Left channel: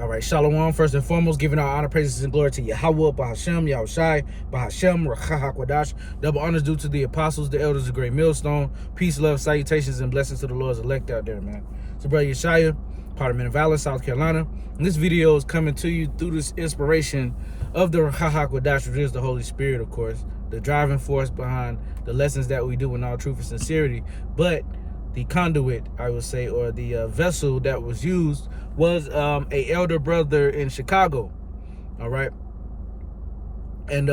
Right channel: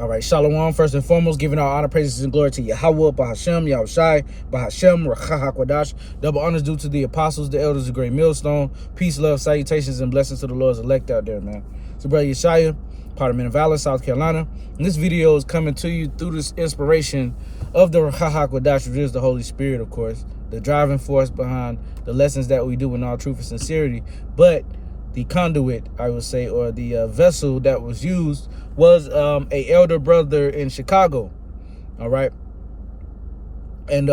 All right, Shalom. First and foremost, giving our honor, praises, and glory to Yahweh, Bahashem, Yahushai, Bahashem, Rachahakwadash. Double honors due to the apostles, the elders, the great millstone. Peace, love, salutations, and blessings to the Lord's elect out there, man. So, brother Yeshaya, part of Men of Valor, South Carolina. And this video is coming to you through this inspiration of the Rachahakwadash, which is the Holy Spirit, of course, the driving force behind the lessons that we do in all truth and sincerity. But the conduit, I would say, or the vessel that was used was a elder brother in Chicago. All right. And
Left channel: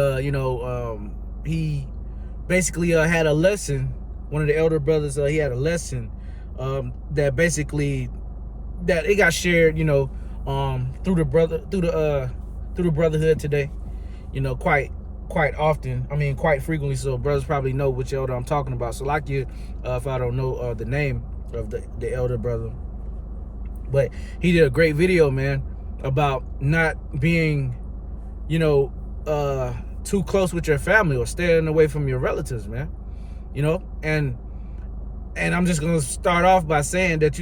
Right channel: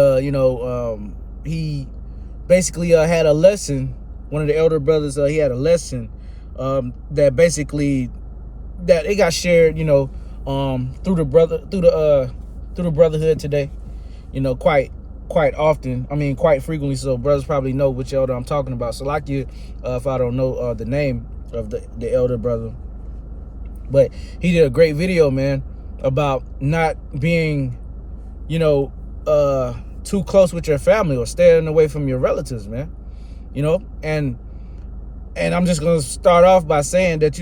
he basically had a lesson. One of the elder brothers, he had a lesson that basically that it got shared, through the brotherhood today, quite often. I mean, quite frequently. So brothers probably know which elder I'm talking about. So like you, if I don't know the name of the elder brother. But he did a great video, man, about not being, too close with your family or staying away from your relatives, man. And I'm just gonna start off by saying that,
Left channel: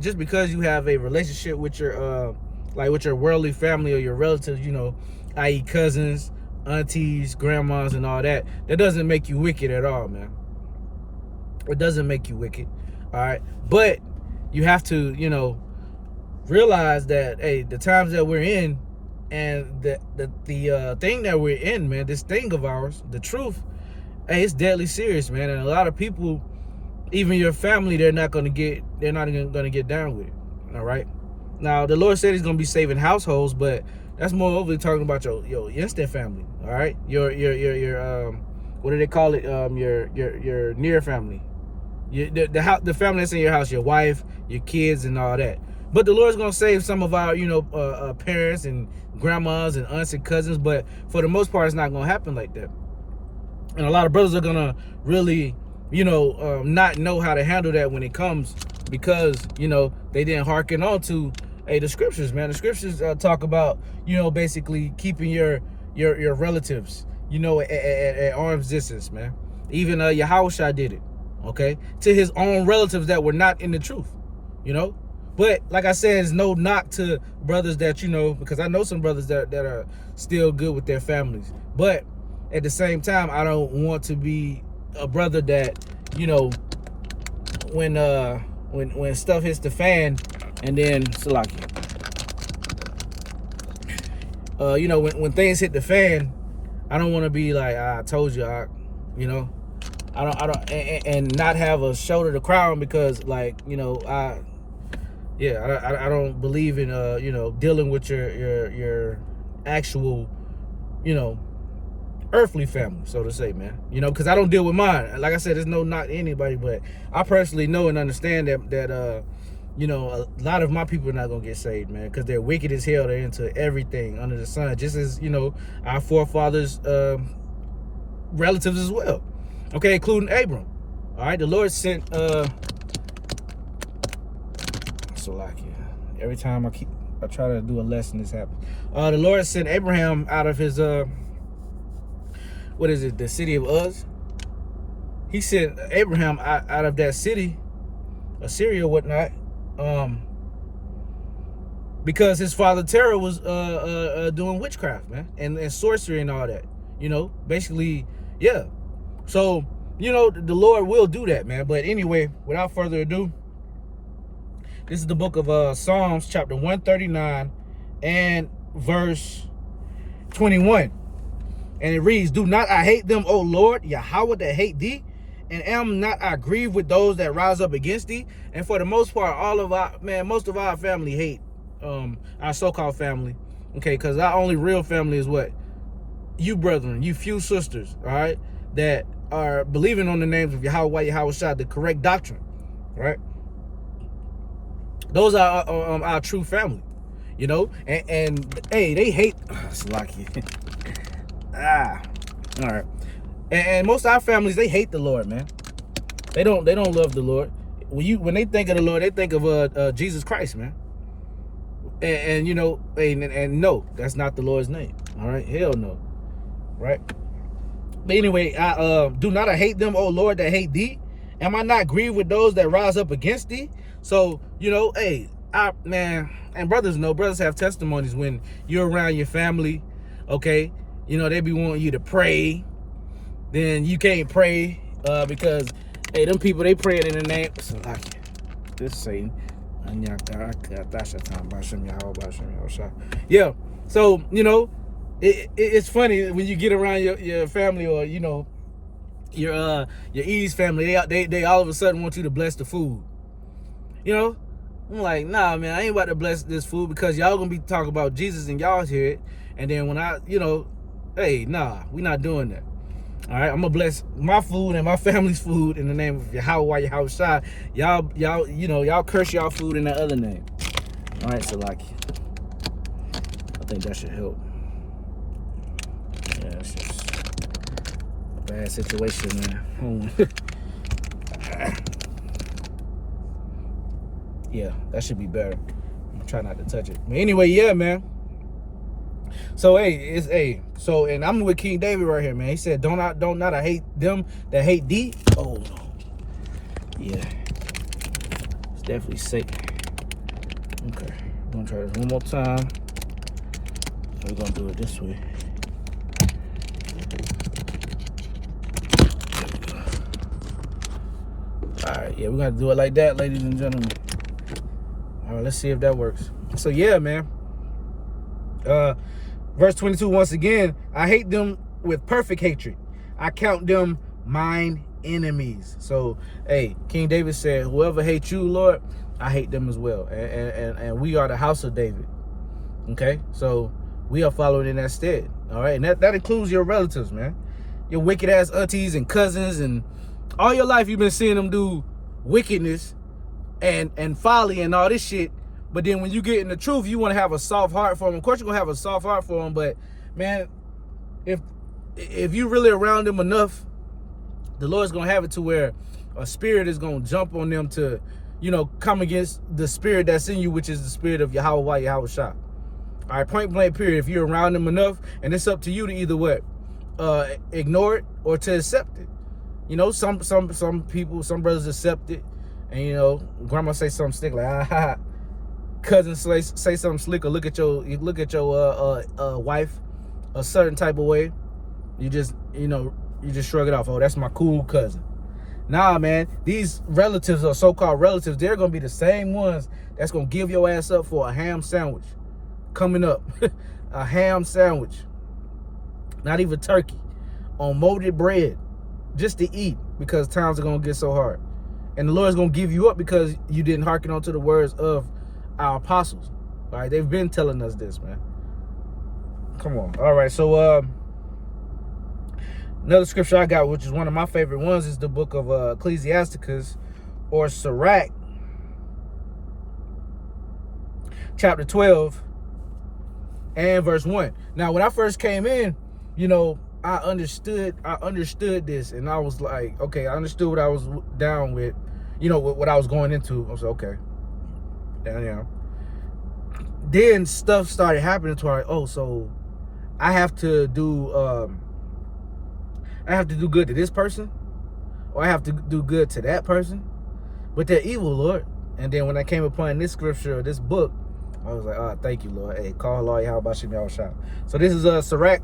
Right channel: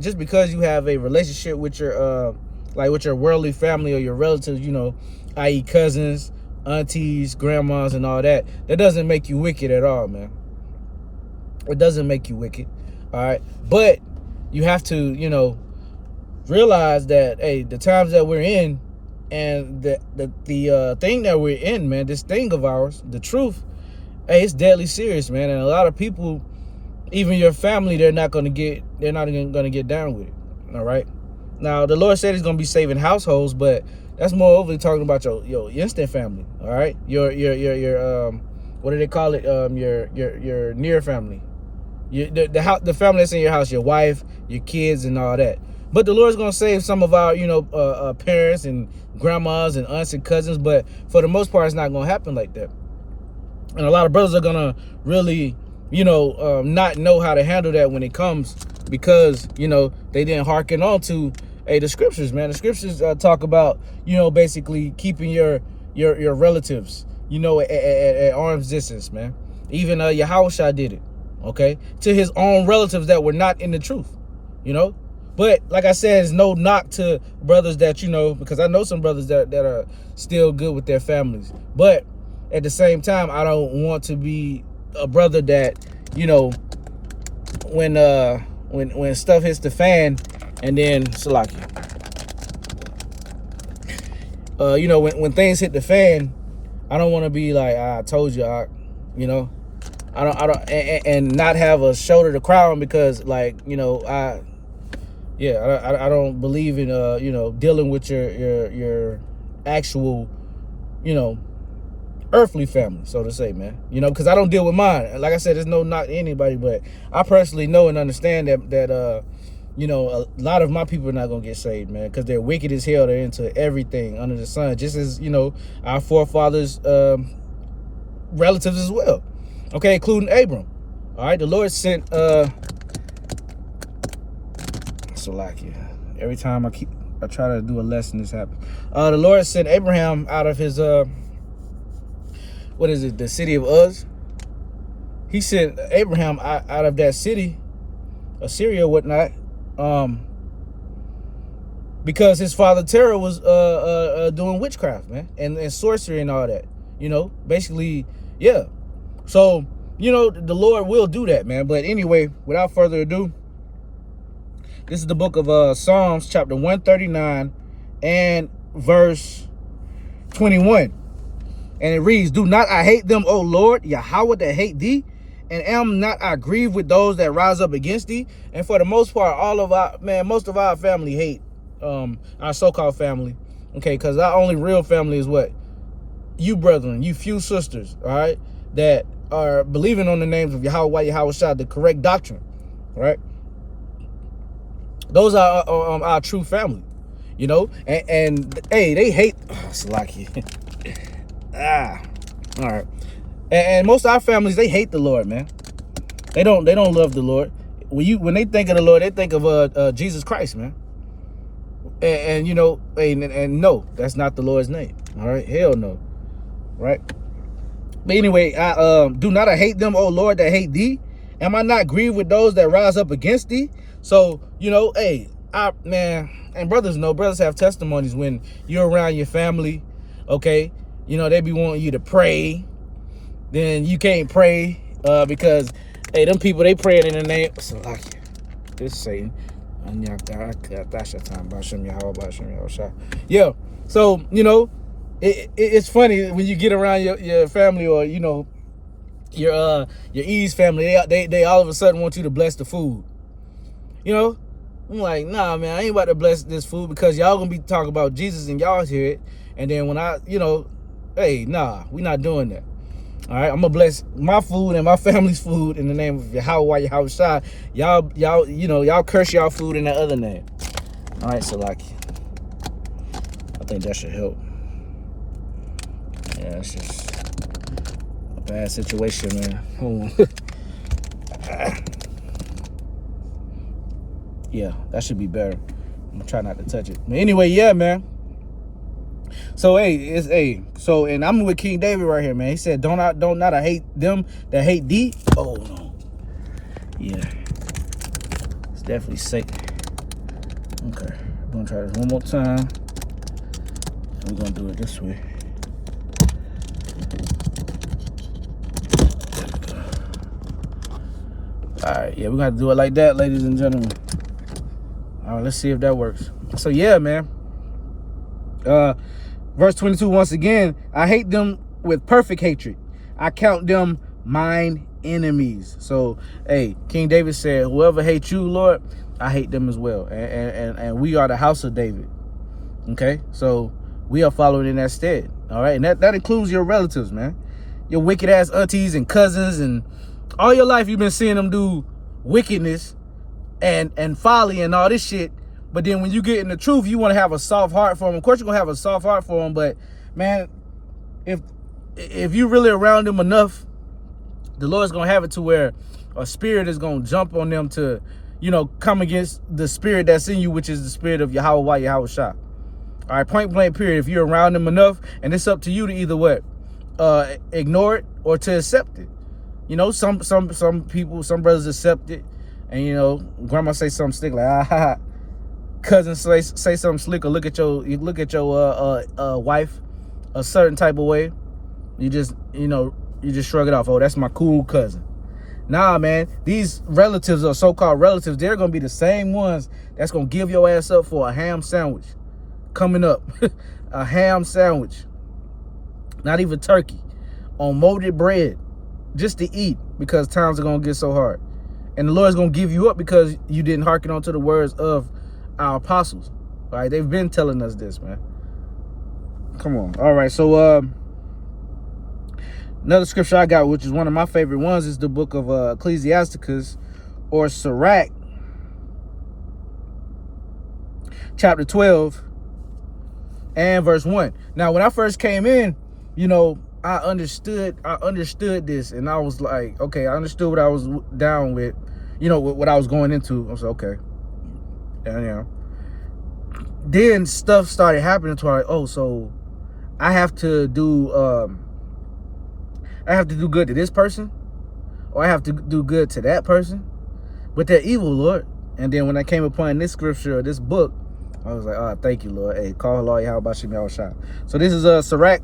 just because you have a relationship with your with your worldly family or your relatives, i.e. cousins, aunties, grandmas, and all that, that doesn't make you wicked at all, man. It doesn't make you wicked, all right? But you have to, realize that, hey, the times that we're in and the thing that we're in, man, this thing of ours, the truth, hey, it's deadly serious, man. And a lot of people, even your family, they're not even gonna get down with it. All right. Now, the Lord said He's gonna be saving households, but that's more overly talking about your instant family. All right, your what do they call it? Your near family. The family that's in your house, your wife, your kids, and all that. But the Lord's going to save some of our, parents and grandmas and aunts and cousins. But for the most part, it's not going to happen like that. And a lot of brothers are going to really, not know how to handle that when it comes because, they didn't hearken on to, the scriptures, man. The scriptures talk about, basically keeping your relatives, at arm's distance, man. Even Yahushua did it. Okay, to his own relatives that were not in the truth, But like I said, it's no knock to brothers that, because I know some brothers that are still good with their families. But at the same time, I don't want to be a brother that, when stuff hits the fan and then Salaki. When things hit the fan, I don't want to be like, I told you, I don't, and not have a shoulder to cry on because, I don't believe in, dealing with your actual, earthly family, so to say, man. Because I don't deal with mine. Like I said, there's no knock to anybody, but I personally know and understand that a lot of my people are not gonna get saved, man, because they're wicked as hell. They're into everything under the sun, just as our forefathers, relatives as well. Okay, including Abram. All right, the Lord sent Salakia. Every time I try to do a lesson, this happens. The Lord sent Abraham out of his the city of Uz. He sent Abraham out of that city, Assyria, whatnot, because his father Terah was doing witchcraft, man, and sorcery and all that. Basically, yeah. So, the Lord will do that, man. But anyway, without further ado, this is the book of Psalms, chapter 139 and verse 21. And it reads, "Do not I hate them, O Lord, Yahweh, that hate thee? And am not I grieved with those that rise up against thee?" And for the most part, most of our family hate our so-called family. Okay, because our only real family is what? You brethren, you few sisters, all right, that are believing on the names of Yahweh, Yahushua, the correct doctrine, right? Those are our true family, and hey, they hate Salaki. All right. And most of our families, they hate the Lord, man. They don't love the Lord. When they think of the Lord, they think of Jesus Christ, man. And no, that's not the Lord's name. All right, hell no, right? But anyway, do not I hate them, O Lord, that hate thee? Am I not grieved with those that rise up against thee? So, hey, man, and brothers know, brothers have testimonies when you're around your family, okay? You know, they be wanting you to pray. Then you can't pray because, hey, them people, they praying in the name. So, like, this Satan. Yeah. So, you know, it's funny when you get around your family, or, you know, your Eve's family, they all of a sudden want you to bless the food. You know? I'm like, nah, man, I ain't about to bless this food because y'all gonna be talking about Jesus and y'all hear it. And then when I, you know, hey, nah, we not doing that. All right, I'm gonna bless my food and my family's food in the name of Yahweh, Yahweh. Y'all, you know, y'all curse y'all food in that other name. All right, so like, I think that should help. Yeah, it's just a bad situation, man. Hold on. Yeah, that should be better. I'm gonna try not to touch it. But anyway, yeah, man. So so and I'm with King David right here, man. He said, don't I hate them that hate thee? Oh no. Yeah. It's definitely Satan. Okay. I'm gonna try this one more time. And we're gonna do it this way. Alright, yeah, we're gonna do it like that, ladies and gentlemen. Alright, let's see if that works. So yeah, man. Verse 22, once again, I hate them with perfect hatred. I count them mine enemies. So, hey, King David said, whoever hates you, Lord, I hate them as well. And we are the house of David. Okay? So, we are following in that stead. All right? And that includes your relatives, man. Your wicked-ass aunties and cousins. And all your life, you've been seeing them do wickedness and folly and all this shit. But then when you get in the truth, you want to have a soft heart for them. Of course, you're going to have a soft heart for them. But, man, if you really around them enough, the Lord's going to have it to where a spirit is going to jump on them to, you know, come against the spirit that's in you, which is the spirit of Yahweh, Yahweh Shah. All right, point blank period. If you're around them enough, and it's up to you to either what? Ignore it or to accept it. You know, some people, some brothers accept it. And, you know, grandma say something slick like, cousin say something slick, or look at your wife a certain type of way. You just shrug it off. Oh, that's my cool cousin. Nah, man, these relatives or so-called relatives, they're gonna be the same ones that's gonna give your ass up for a ham sandwich coming up. A ham sandwich, not even turkey, on molded bread, just to eat, because times are gonna get so hard. And the Lord's gonna give you up because you didn't hearken onto the words of our apostles. All right, they've been telling us this, man. Come on. All right, so another scripture I got, which is one of my favorite ones, is the book of Ecclesiasticus, or Sirach, chapter 12 and verse 1. Now, when I first came in, you know, I understood this, and I was like, okay, I understood what I was down with, you know, what I was going into. I was like, okay. And, you know, then stuff started happening to like, oh, so I have to do good to this person, or I have to do good to that person, but they're evil, Lord. And then when I came upon this scripture or this book, I was like, oh, thank you, Lord. Hey, call Lord Yahweh Shem Yahweh Shah. So this is Sirach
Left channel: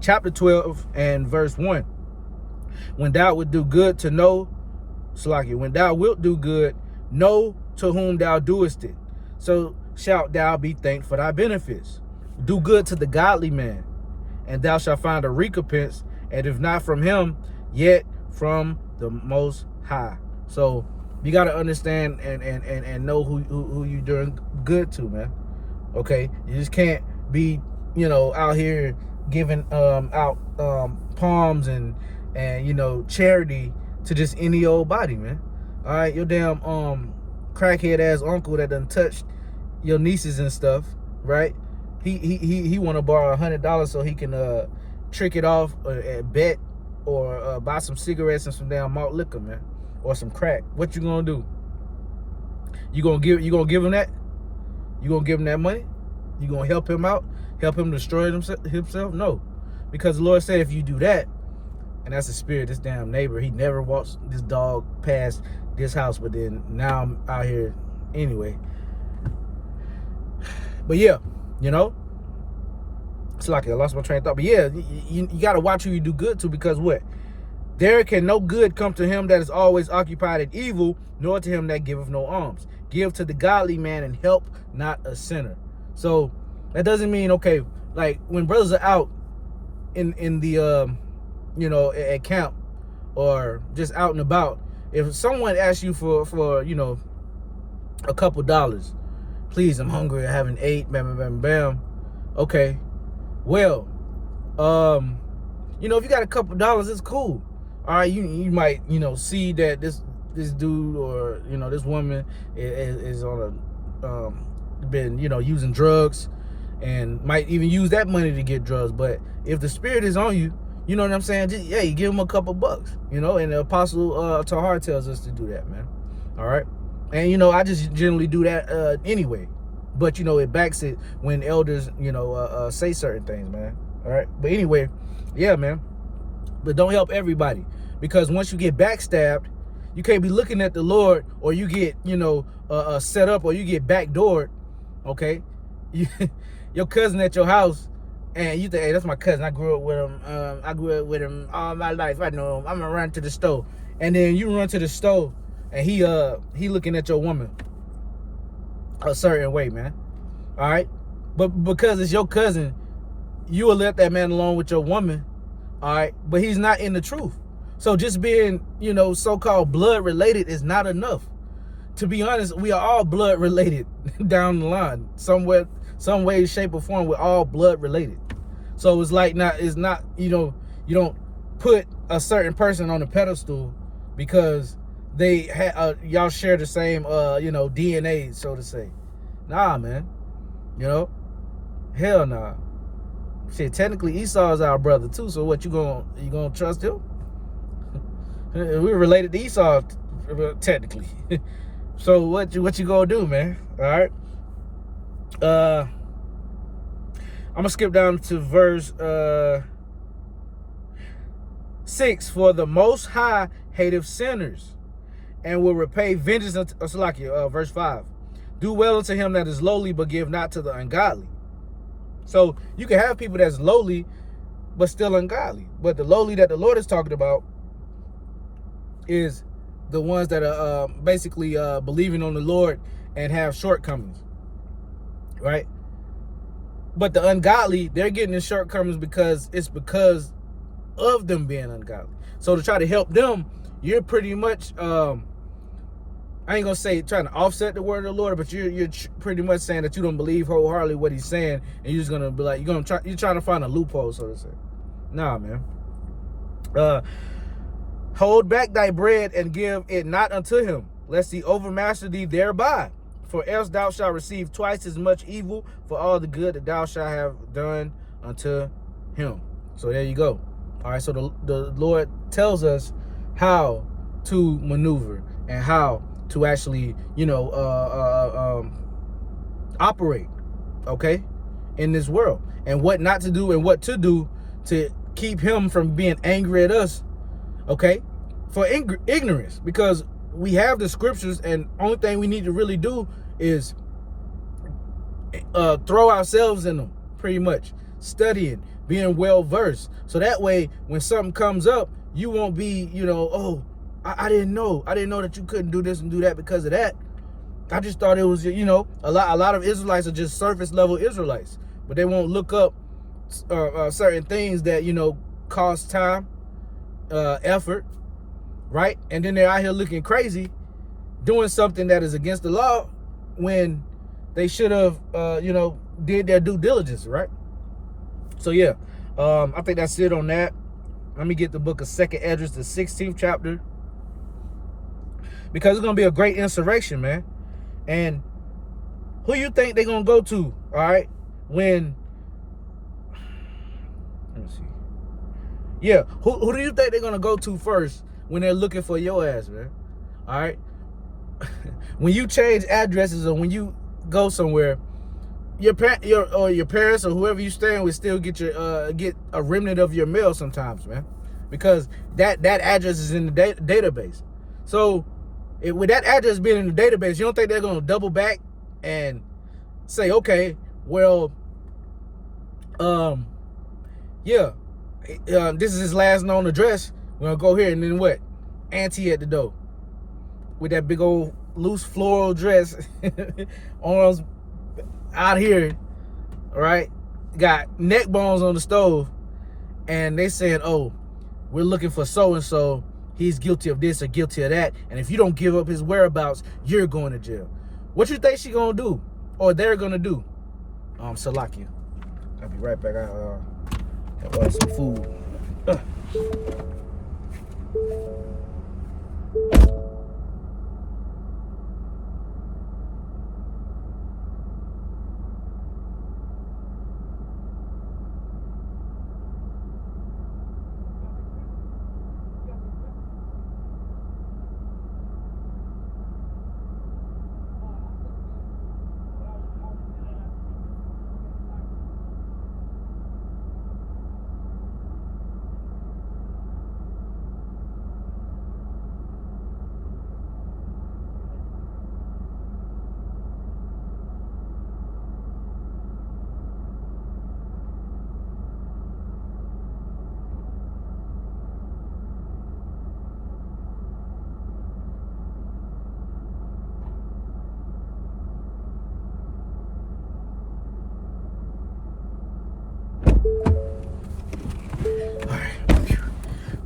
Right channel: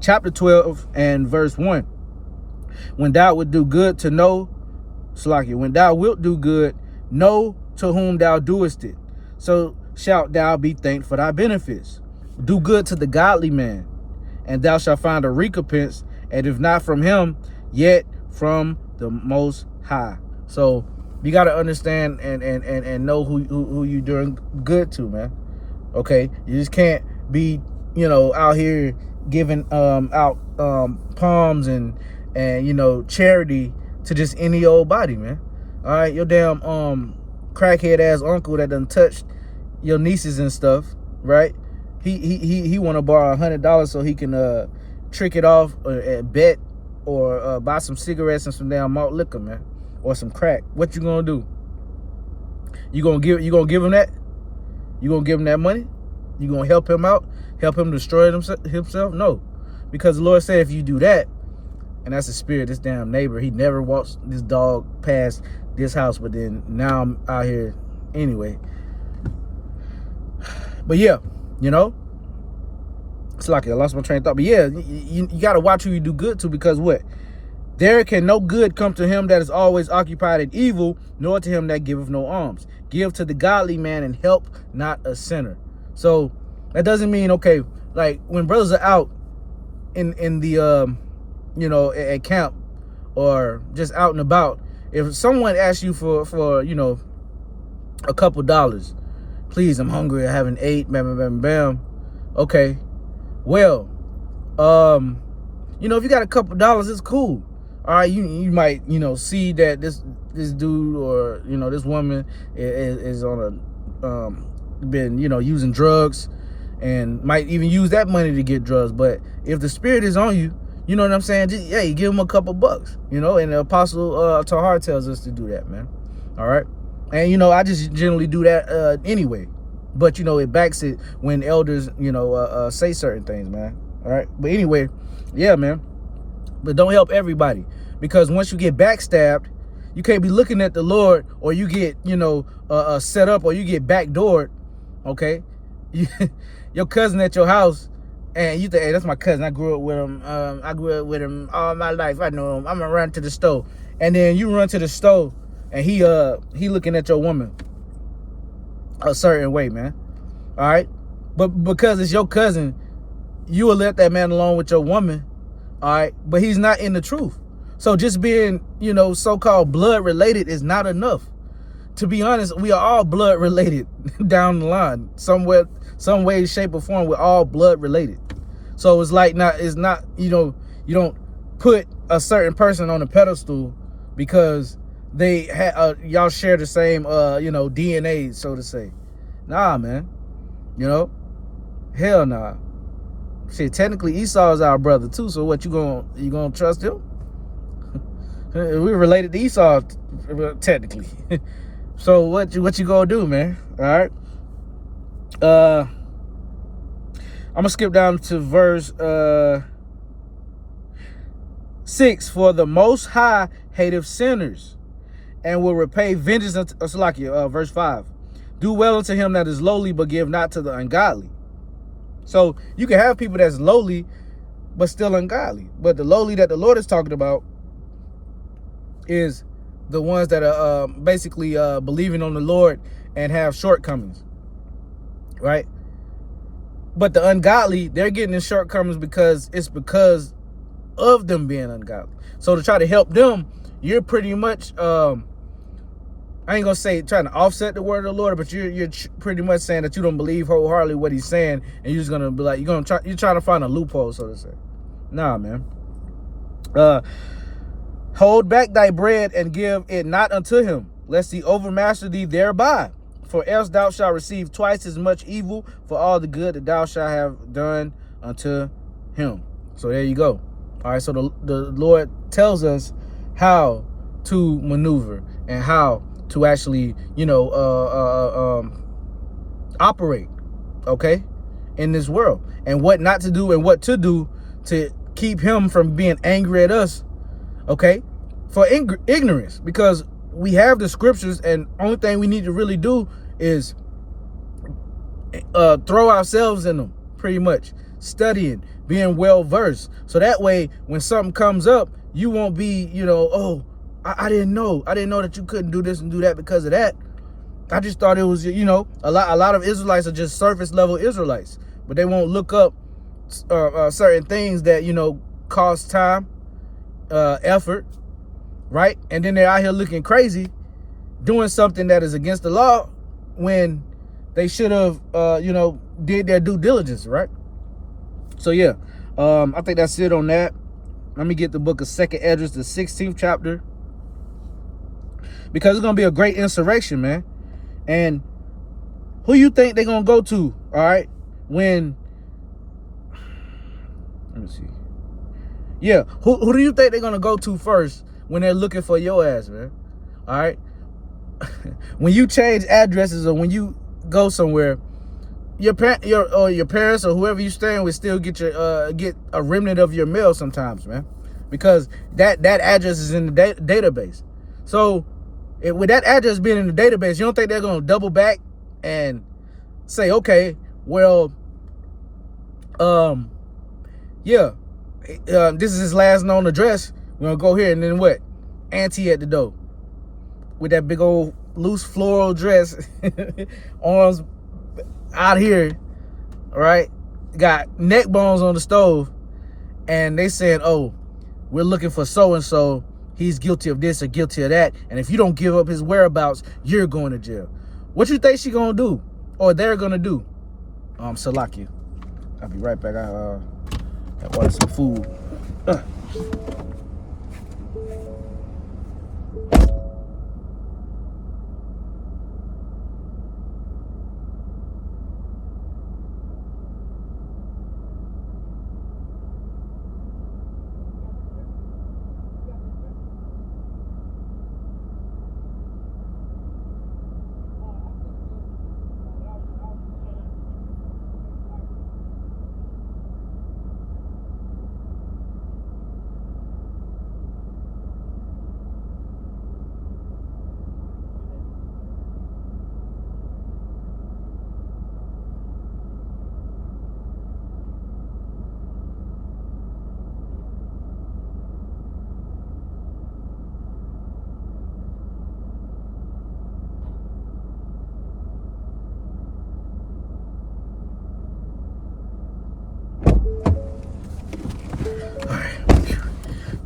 chapter 12 and verse 1. When thou wilt do good to know, when thou wilt do good, know to whom thou doest it. So shalt thou be thanked for thy benefits. Do good to the godly man, and thou shalt find a recompense, and if not from him, yet from the Most High. So you got to understand and know who you're doing good to, man. Okay, you just can't be, you know, out here giving out palms and you know, charity to just any old body, man. All right, your damn crackhead ass uncle that done touched your nieces and stuff, right? He want to borrow $100 so he can trick it off and bet or buy some cigarettes and some damn malt liquor, man, or some crack. What you gonna do? You gonna give him that? You gonna give him that money? You gonna help him out? Help him destroy himself? No, because the Lord said if you do that, and that's the spirit, this damn neighbor, he never walks this dog past this house, but then now I'm out here anyway. But yeah, you know, it's like I lost my train of thought. But yeah, you got to watch who you do good to, because what? There can no good come to him that is always occupied in evil, nor to him that giveth no alms. Give to the godly man and help not a sinner. So that doesn't mean, okay, like when brothers are out in the you know, at camp or just out and about, if someone asks you for you know, a couple dollars, please, I'm hungry, I haven't ate, bam, bam, bam, bam. Okay, well, you know, if you got a couple dollars, it's cool. All right, you might, you know, see that this dude or, you know, this woman is on a been, you know, using drugs, and might even use that money to get drugs. But if the spirit is on you, you know what I'm saying? Just, yeah, you give them a couple bucks, you know. And the apostle Tahar tells us to do that, man. All right, and you know, I just generally do that anyway. But you know, it backs it when elders, you know, say certain things, man. All right, but anyway, yeah, man. But don't help everybody, because once you get backstabbed, you can't be looking at the Lord, or you get, you know, set up, or you get backdoored. Okay, your cousin at your house, and you think, hey, that's my cousin. I grew up with him. I grew up with him all my life. I know him. I'm gonna run to the store, and then you run to the store, and he looking at your woman a certain way, man. All right, but because it's your cousin, you will let that man alone with your woman. All right, but he's not in the truth. So just being, you know, so-called blood related is not enough. To be honest, we are all blood related down the line, somewhere, some way, shape, or form. We're all blood related. So it's like it's not, you know, you don't put a certain person on a pedestal because they y'all share the same, you know, DNA, so to say. Nah, man. You know, hell nah. Shit, technically Esau is our brother too. So what, you gonna trust him? We're related to Esau, technically. So what you gonna do, man? All right. I'm gonna skip down to verse 6. For the Most High hateth sinners, and will repay vengeance unto verse 5. Do well unto him that is lowly, but give not to the ungodly. So you can have people that's lowly, but still ungodly. But the lowly that the Lord is talking about is the ones that are basically believing on the Lord and have shortcomings, right? But the ungodly, they're getting in shortcomings because of them being ungodly. So to try to help them, you're pretty much, I ain't gonna say trying to offset the word of the Lord, but you're pretty much saying that you don't believe wholeheartedly what he's saying, and you're just gonna be like, you're trying to find a loophole, so to say. Nah, man. Hold back thy bread and give it not unto him, lest he overmaster thee thereby. For else thou shalt receive twice as much evil for all the good that thou shalt have done unto him. So there you go. All right, so the Lord tells us how to maneuver and how to actually, you know, operate, okay, in this world, and what not to do and what to do to keep him from being angry at us, okay, for ignorance, because we have the scriptures, and only thing we need to really do is throw ourselves in them, pretty much studying, being well versed, so that way when something comes up, you won't be, you know, oh, I didn't know that you couldn't do this and do that because of that. I just thought it was, you know, a lot of Israelites are just surface level Israelites, but they won't look up certain things that, you know, cost time, effort, right? And then they're out here looking crazy, doing something that is against the law when they should have, you know, did their due diligence, right? So yeah, I think that's it on that. Let me get the book of 2nd Esdras, the 16th chapter, because it's gonna be a great insurrection, man. And who you think they're gonna go to, all right, when, let me see, yeah, who do you think they're gonna go to first when they're looking for your ass, man? All right. When you change addresses or when you go somewhere, your parents or whoever you staying with still get a remnant of your mail sometimes, man, because that address is in the database. So With that address being in the database, you don't think they're going to double back and say, okay, well, yeah, this is his last known address. We're going to go here, and then what? Auntie at the door with that big old loose floral dress, arms out here, all right? Got neck bones on the stove, and they saying, oh, we're looking for so-and-so. He's guilty of this or guilty of that. And if you don't give up his whereabouts, you're going to jail. What you think she gonna do? Or they're gonna do? Salakia. I'll be right back. I ordered some food.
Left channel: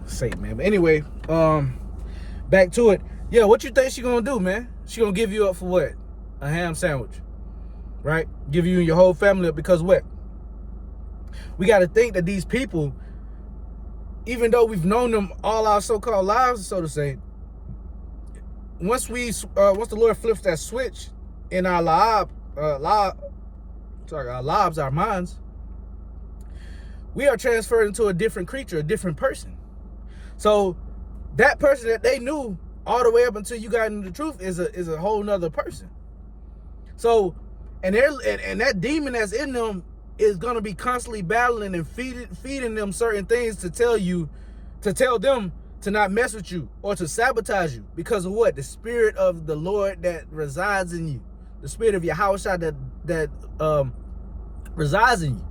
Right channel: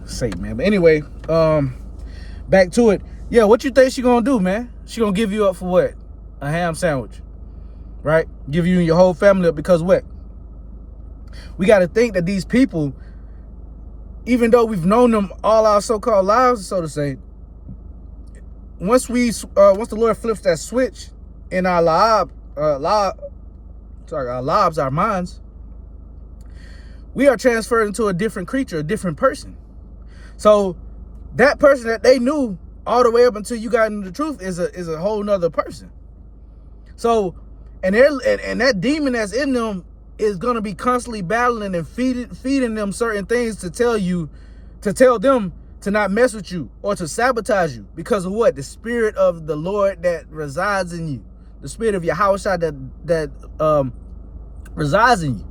Safe, man. But anyway, back to it. Yeah, what you think she gonna do, man? She gonna give you up for what? A ham sandwich, right? Give you and your whole family up because what? We got to think that these people, even though we've known them all our so-called lives, so to say, once the Lord flips that switch in our lives, our minds, we are transferred into a different creature, a different person. So that person that they knew all the way up until you got into the truth is a whole nother person. So, and that demon that's in them is gonna be constantly battling and feeding them certain things to tell them to not mess with you or to sabotage you because of what? The spirit of the Lord that resides in you, the spirit of Yahushua that resides in you,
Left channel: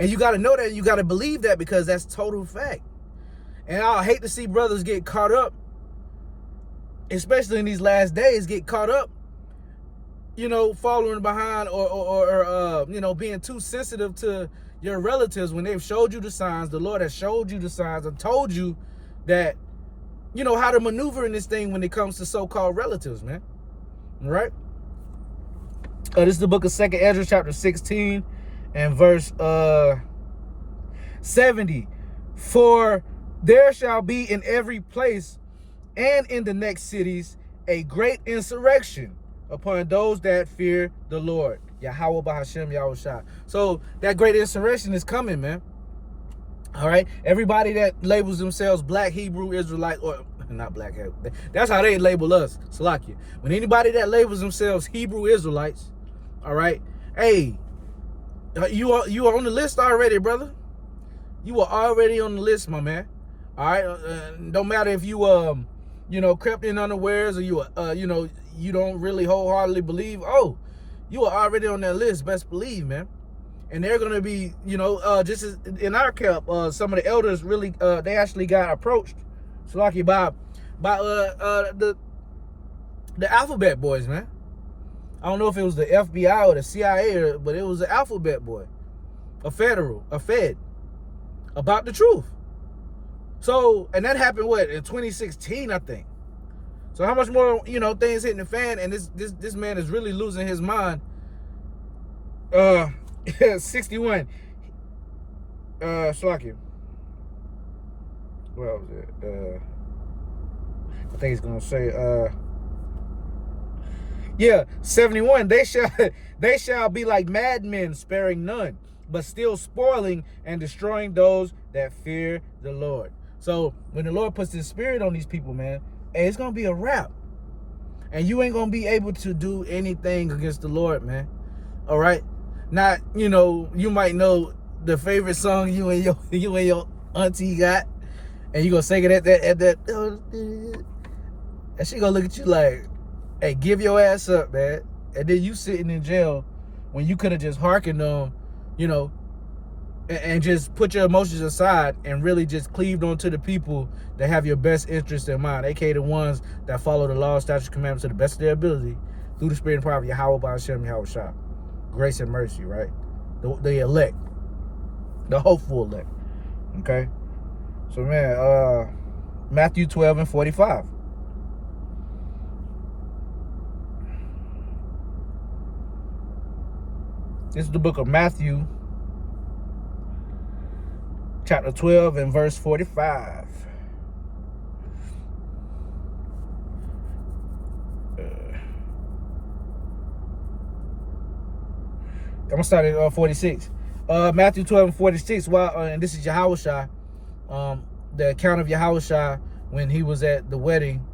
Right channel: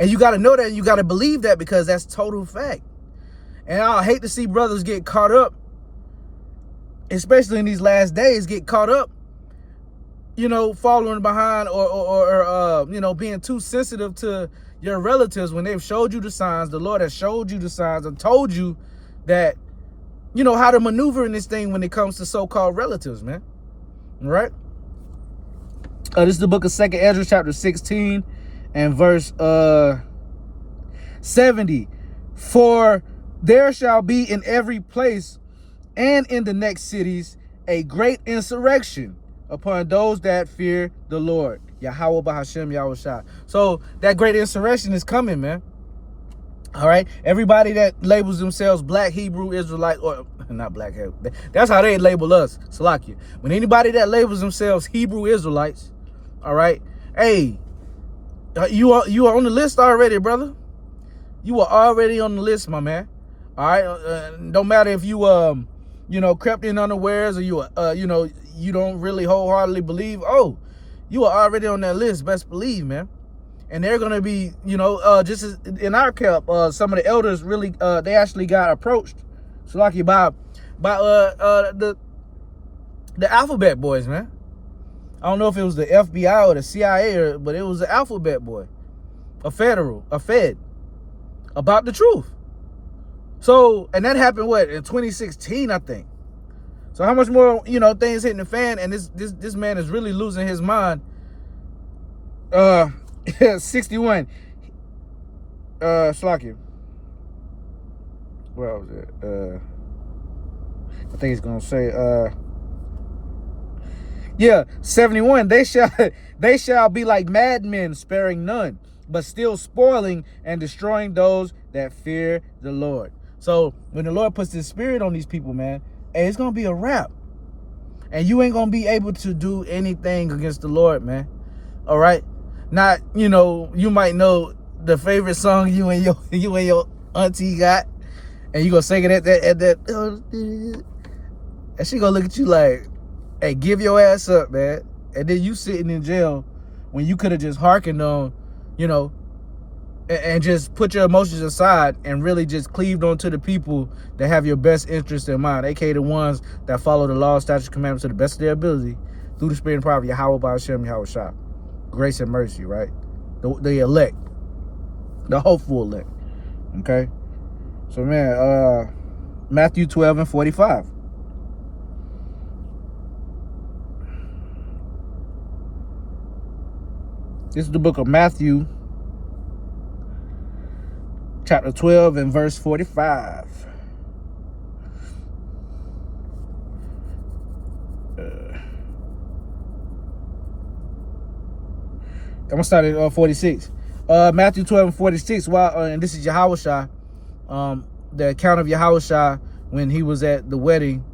and you got to know that, and you got to believe that because that's total fact. And I hate to see brothers get caught up, especially in these last days, get caught up, following behind or being too sensitive to your relatives when they've showed you the signs. The Lord has showed you the signs and told you that, how to maneuver in this thing when it comes to so-called relatives, man. All right? This is the book of 2nd Ezra, chapter 16 and verse 70. For there shall be in every place and in the next cities a great insurrection upon those that fear the Lord. Yahweh Bahashem Yahushua. So that great insurrection is coming, man. All right? Everybody that labels themselves Black Hebrew Israelite, or not Black Hebrew, that's how they label us, Salakia. When anybody that labels themselves Hebrew Israelites, all right, hey, you are on the list already, brother. You are already on the list, my man. All right, don't matter if you crept in unawares or you don't really wholeheartedly believe. Oh, you are already on that list. Best believe, man. And they're gonna be, just as in our camp, some of the elders really, they actually got approached, so like by the Alphabet Boys, man. I don't know if it was the FBI or the CIA, but it was the Alphabet Boy, a Fed, about the truth. So, and that happened in 2016, I think. So how much more, things hitting the fan, and this man is really losing his mind. 61. Slakia. Well, I think it's gonna say 71. They shall be like madmen, sparing none, but still spoiling and destroying those that fear the Lord. So when the Lord puts his spirit on these people, man, hey, it's gonna be a wrap. And you ain't gonna be able to do anything against the Lord, man. All right? Not, you might know the favorite song you and your auntie got, and you gonna sing it at that and she gonna look at you like, Hey, give your ass up, man. And then you sitting in jail when you could have just hearkened on, you know, and just put your emotions aside and really just cleaved on to the people that have your best interest in mind, aka the ones that follow the law, statutes, commandments to the best of their ability through the spirit and power of Yahweh by Hashem Yahweh Shah. Grace and mercy, right? The elect, the hopeful elect. Okay? So man, Matthew 12 and 45. This is the book of Matthew, chapter 12 and verse 45. I'm gonna start at 46. Matthew 12 and 46. And this is Yahushua, the account of Yahushua when he was at the wedding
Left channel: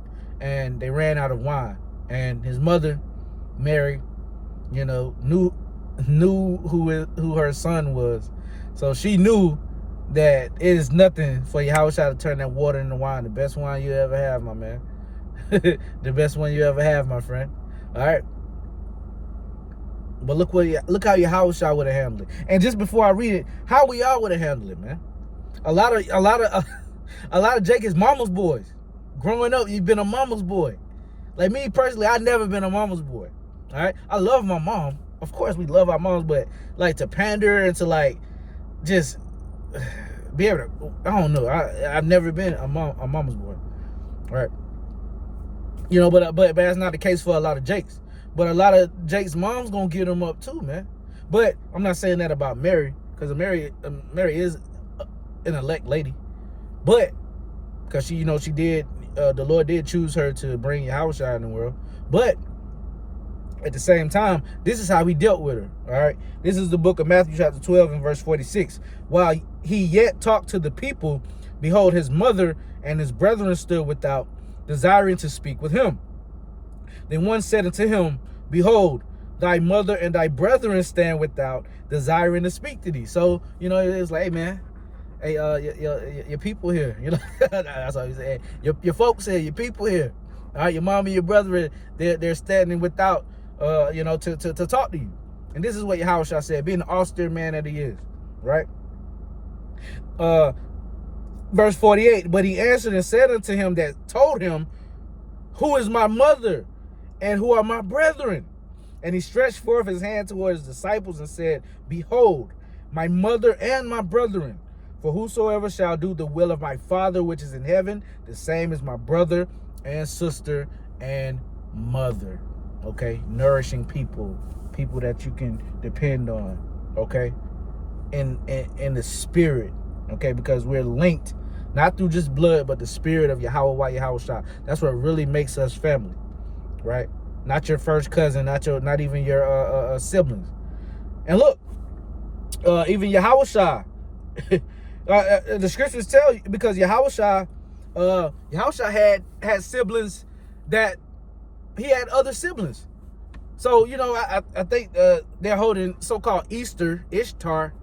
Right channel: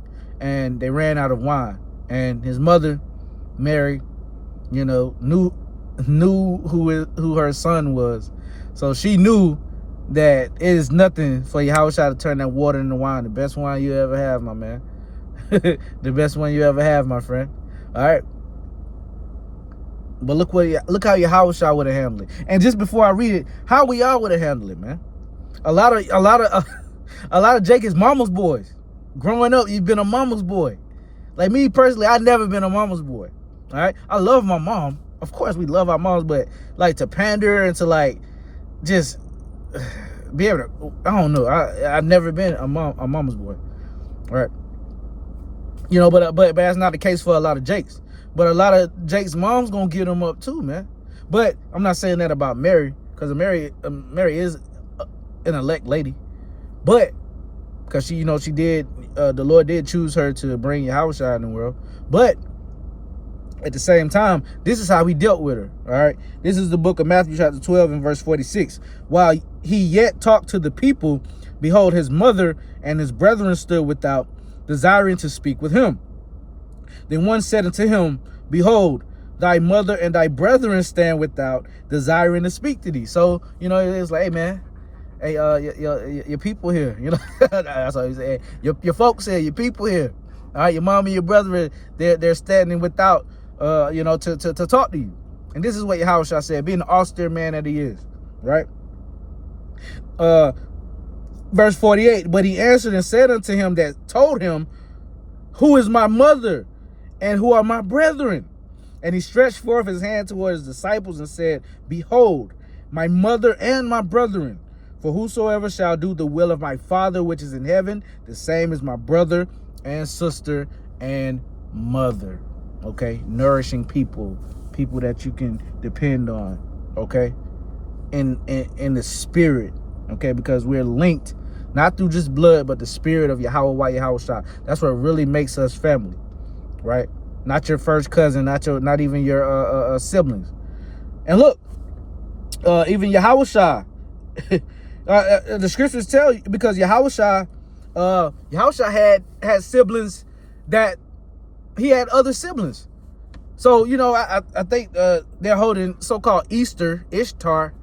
and they ran out of wine, and his mother, Mary, you know, knew who her son was, so she knew that it is nothing for Yahushua to turn that water into wine. The best wine you ever have, my man. The best one you ever have, my friend. All right. But look how Yahushua would have handled it. And just before I read it, how we all would have handled it, man. A lot of Jake is mama's boys. Growing up, you've been a mama's boy. Like me personally, I've never been a mama's boy. All right, I love my mom. Of course, we love our moms, but like to pander and to like just be able to, I don't know. I've never been a mama's boy. All right, you know, but that's not the case for a lot of Jakes. But a lot of Jake's moms gonna get them up too, man. But I'm not saying that about Mary, because Mary is an elect lady. But because she, you know, she did, the Lord did choose her to bring Yahushua in the world. But at the same time, this is how he dealt with her. All right, this is the book of Matthew chapter 12 and verse 46. While he yet talked to the people, behold, his mother and his brethren stood without, desiring to speak with him. Then one said unto him, behold, thy mother and thy brethren stand without, desiring to speak to thee. So, you know, it's like, hey, man, hey, your people here, you know, that's what he said. Your folks here, your people here. All right, your mom and your brethren, they're standing without, you know, to talk to you. And this is what Yahushua said, being the austere man that he is, right? Verse 48, but he answered and said unto him that told him, who is my mother and who are my brethren? And he stretched forth his hand toward his disciples and said, behold, my mother and my brethren. For whosoever shall do the will of my Father which is in heaven, the same is my brother and sister and mother. Okay, nourishing people that you can depend on. Okay, in the spirit. Okay, because we're linked not through just blood, but the spirit of Yahweh Yahushua. That's what really makes us family, right? Not your first cousin, not even your siblings. And look, even Yahushua, the scriptures tell you, because Yahushua had siblings that he had other siblings. So, you know, I think they're holding so-called Easter, Ishtar,